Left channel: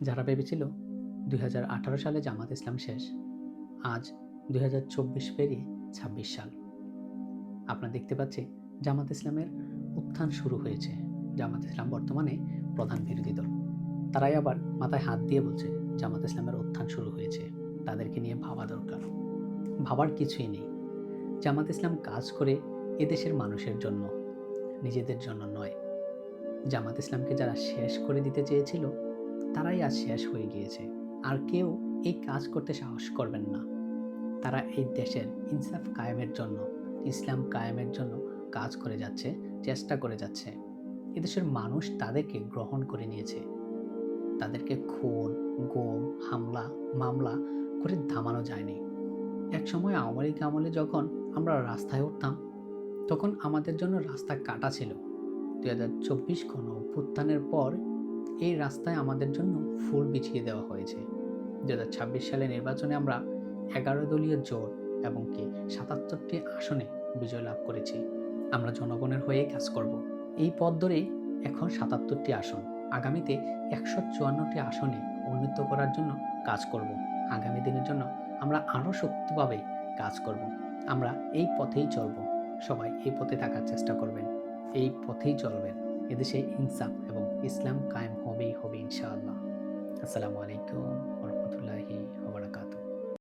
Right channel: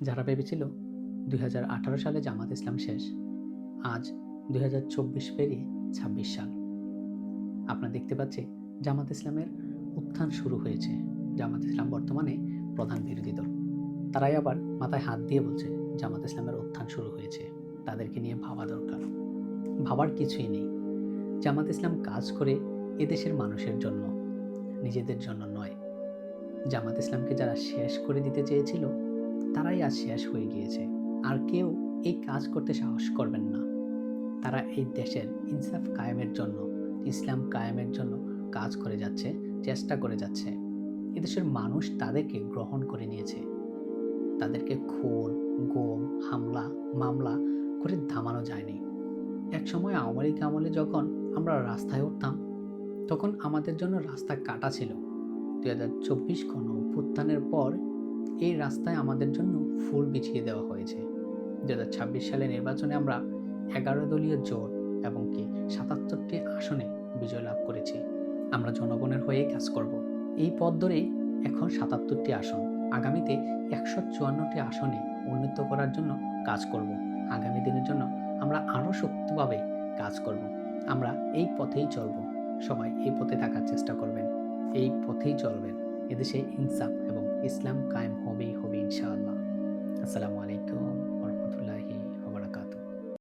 যারা ভেবেছিল 2018 সালে জামাত ইসলাম শেষ, আজ 2024 পেরিয়ে 26 সাল। আপনারা দেখতে পাচ্ছি জামাত ইসলামের উত্থান শুরু হয়েছে। জামাত ইসলাম বর্তমানে প্রধান বিরোধী দল। তারাই আবার মাথায় হাত দিয়ে বলছে জামাত ইসলামের উত্থান শুরু হয়েছে, তাদেরকে নিয়ে ভাবা দরকার। ভাবার কিছুই নেই। জামাত ইসলাম কাজ করে এদেশের মানুষের জন্য, নিজেদের জন্য নয়। জামাত ইসলামকে যারা শেষ করে দিতে চেয়েছিল তারাই আজ শেষ হয়ে গিয়েছে। আর কেউ এই কাজ করতে সাহস করবেন না। তারা এই দেশের ইনসাফ কায়েমের জন্য, ইসলাম কায়েমের জন্য কাজ করে যাচ্ছে, চেষ্টা করে যাচ্ছে। এদেশের মানুষ তাদেরকে গ্রহণ করে নিয়েছে। তাদেরকে খুন, গুম, হামলা, মামলা করে থামানো যায়নি। একসময় আওয়ামী লীগ আমলে যখন আমরা রাস্তায় উঠতাম, তখন আমাদের জন্য রাস্তা কাটা ছিল। 2024 গণ অভ্যুত্থানের পর এই রাস্তায় আমাদের জন্য ফুল বিছিয়ে দেওয়া হয়েছে। 2026 সালে নির্বাচনে আমরা 11 দলীয় জোট এবং 77টি আসনে বিজয় লাভ করেছি। আমরা জনগণের হয়ে কাজ করব। এই পথ ধরেই এখন 77টি আসন, আগামীতে 154টি আসনে উন্নীত করার জন্য কাজ করব। আগামী দিনের জন্য আমরা আরও শক্তিভাবে কাজ করব। আমরা এই পথেই চলব। সবাই এই পথে থাকার চেষ্টা করবেন, এই পথেই চলবেন। এদেশে ইনসাফ এবং ইসলাম কায়েম হবেই হবে ইনশাআল্লাহ। আসসালামু আলাইকুম ওয়া রাহমাতুল্লাহি